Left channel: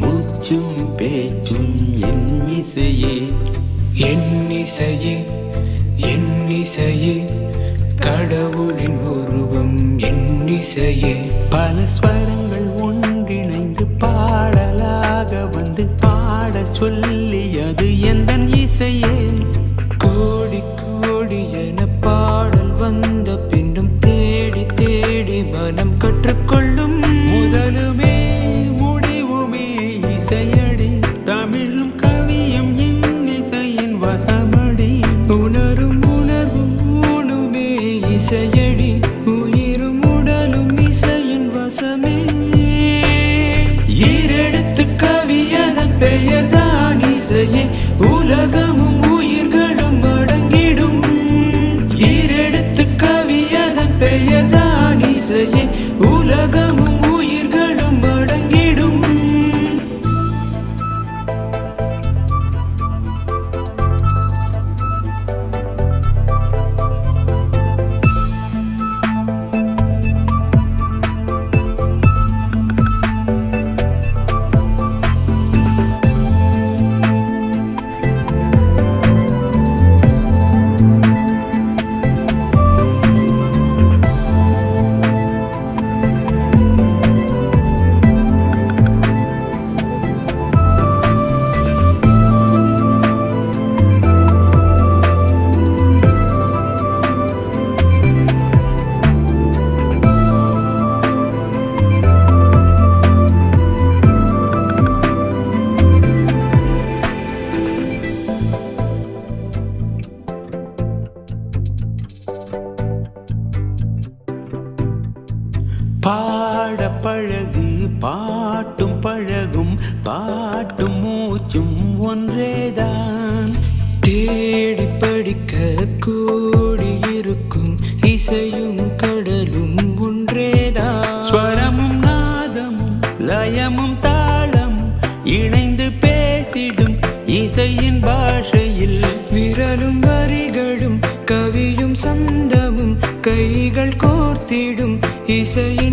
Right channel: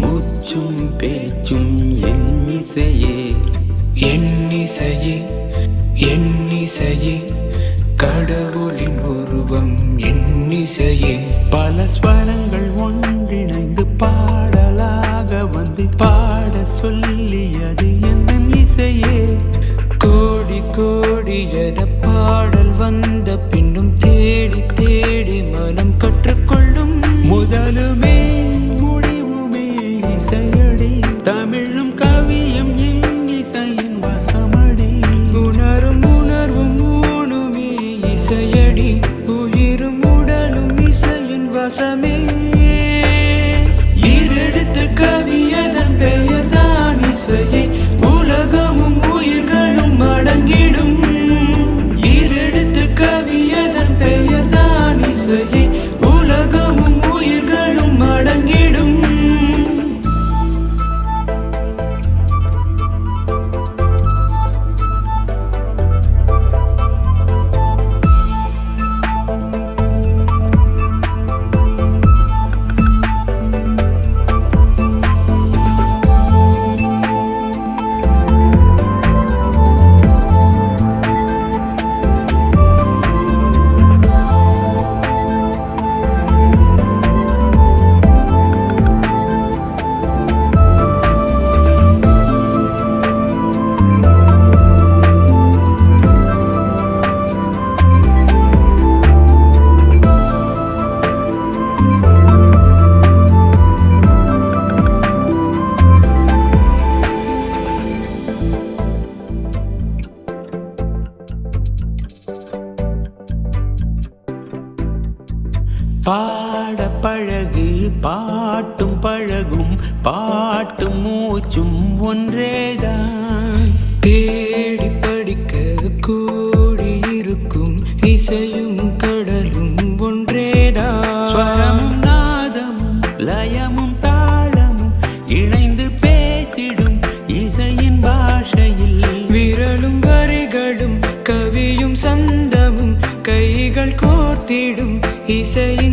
மூச்சும் பேச்சும் என் இசையே, என் இசையே, என் இசையே, கடவுளின் உருவம் என் இசையே. பல ஸ்வரங்கள் ஒன்றிணைந்து பாடலாக வந்து பாட சொல்லியது எந்தன் இசையே. கோடி கோடி என பாடல் வந்த பின்னும் தேடி தேடி மனம் கற்றுக்கொள்ளும். முதலுமே முடிவுமே இசையடி, தமிழும் கவியும் என் இசையின் வசப்படி. உணரும் உணர்வும் ஊனுமே இசையடி, உயிரும் உடலும் இசையின் வசமே. ஈரெழுத்து கவியதன் பெயர் தான் இசையே, உலகமும் உயிர்களும் அடங்கிடும். ஈரெழுத்து கவியதன் பெயர் தான் இசையே, உலகமும் உயிர்களும் அடங்கிடும். பாட பழகு பாட்டும் பழகும், பாட்டும் மூச்சும் ஒன்றேதான். தேடி படிக்க கூடி இருக்கும் இசையும் கடலும் ஒன்றேதான். ஸ்வரமும் நாதமும் லயமும் தாளமும் இணைந்து பேசிடும் இசையின் பாஷையில். விரலும் வரிகளும் கவியும் சந்தமும் கைகள் கோர்த்திடும் இசையின்